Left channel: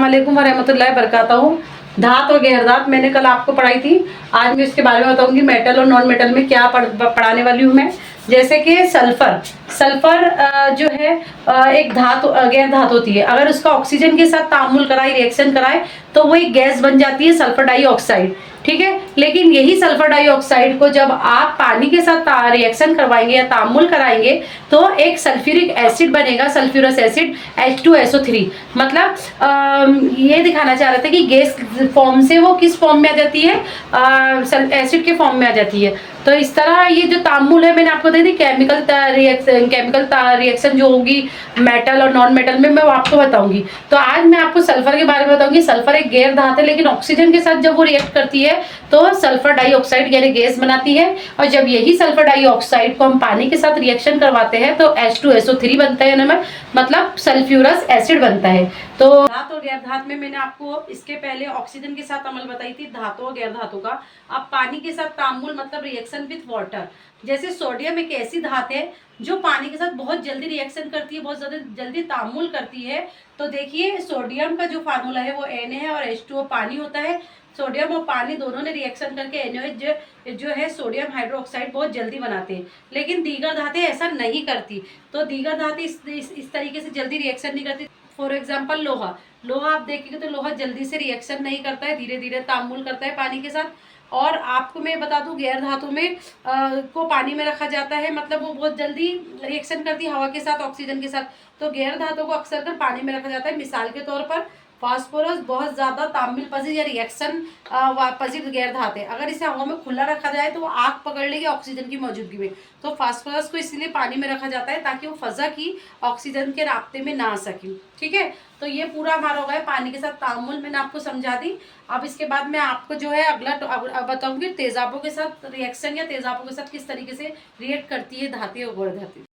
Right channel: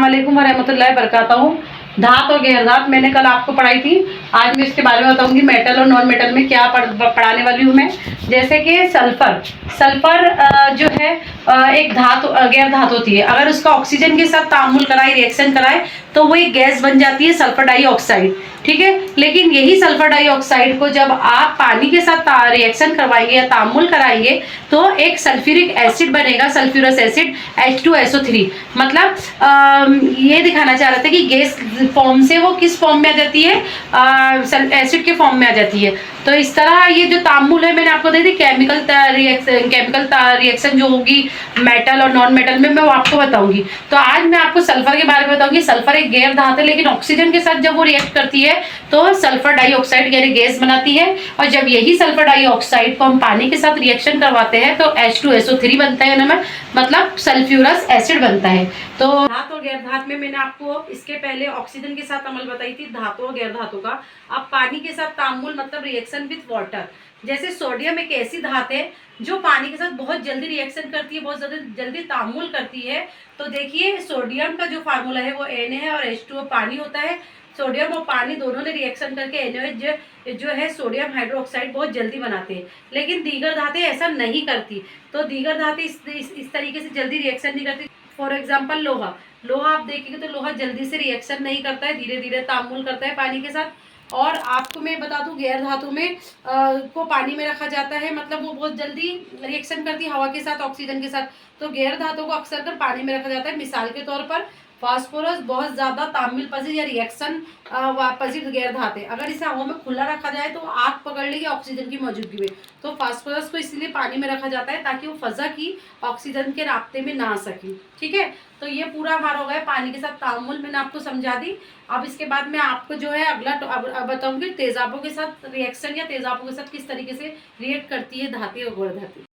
अस्सलाम वालेकुम वरहमतुल्लाहि वबरकातुहू। धात और गैर धात मैंने कल आपको पढ़ाई थी। आज मैं इसके बारे में बताऊंगी मेटल और नॉन मेटल में क्या पढ़ाने वाली हूँ मैं। जैसे कि सल्फर जो है एक धातु गैर धातु होती है। अगर उसका ऑक्सीजन के साथ तामुल कराए, रिएक्शन कराए, तो वो एक गैस बन जाती है सल्फर डाइऑक्साइड। ठीक है, लेकिन यही सल्फर डाइऑक्साइड को जब आप पानी के साथ रिएक्शन करवाएंगे या तामुल कराएंगे तो एक सल्फ्यूरिक एसिड बनेगा, सल्फ्यूरस एसिड H2SO3। मतलब ये दिखाना चाह रहे थे कि गैस फॉर्म से वो किस फॉर्म में आ जाती है, एसिड के फॉर्म में आ जाती है। तो इस तरह ये जो तामुल है मैंने आपको दे दी, केमिकल रिएक्शन जो होगी मेटल और नॉन मेटल में मैं वो आपको बताऊंगी। तो आज मैं आपको सल्फर के बारे में बताऊंगी। सल्फर एक गैर धात है, लेकिन ऑक्सीजन के साथ जब वो रिएक्ट करती है तो सल्फर डाइऑक्साइड यानी गैस बनाती है। और जब यही सल्फर डाइऑक्साइड को हम पानी के साथ रिएक्शन करवाते हैं तो H2SO3 बनता है ना, मतलब सल्फ्यूरस एसिड बनता है। तो धात और गैर धात में मैंने आपको इसके पहले ऑक्सीजन के साथ अमल बताई थी, धातु और गैर धातु का। अब पानी के साथ तामुल मतलब रिएक्शन विथ वाटर। जैसे सोडियम एक ऐसी धात है जो पानी के साथ बहुत जल्दी रिएक्शन करती है, बहुत जल्दी तामुल करती है। तो देखिए सोडियम का जो फार्मूला है वो Na है और H2O पानी होता है। सोडियम और पानी दोनों ने रिएक्शन करके NaOH जो है सोडियम हाइड्रोक्साइड बहुत जल्दी बनाते हैं। लेकिन दीगर धातें ऐसा नहीं करती। तो दीगर धातें इस तरीके से जल्दी रिएक्शन नहीं करती। फॉर एग्जाम्पल लोहा आप देखेंगे तो लोहा जल्दी से रिएक्शन नहीं करता है, धीरे धीरे तामुल करता है पानी के साथ। और आपको मैं बता दूं गैर धातु में को पानी में रखा जाता है, मतलब वो बहुत जल्दी रिएक्शन करती है हवा के साथ, ऑक्सीजन के साथ। तो गैर धातु को अक्सर कर पानी में रखा जाता है। मिसाल के तौर पर फास्फोरस बहुत ज्यादा तामिल पसीज या रिएक्शन पसीज गैर धात है। अगर इसे हवा में खुला रखा जाए तो वो आग पकड़ लेगी ऑक्सीजन की मौजूदगी में। तो फास्फोरस को इसलिए पानी में रखा जाता है ताकि वो फजा की ऑक्सीजन के रास्ते में ना आ सके। ठीक है, तो ये पूरा हमारा हो गया पानी के साथ तामुल, मैंने आपको समझा दी। अब इसके बाद मैं आपको जो है अगला बताऊंगी तेजाबों के साथ रिएक्शन या तेजाबों के साथ किस तरीके से रिएक्ट करती है धातें और गैर धातें।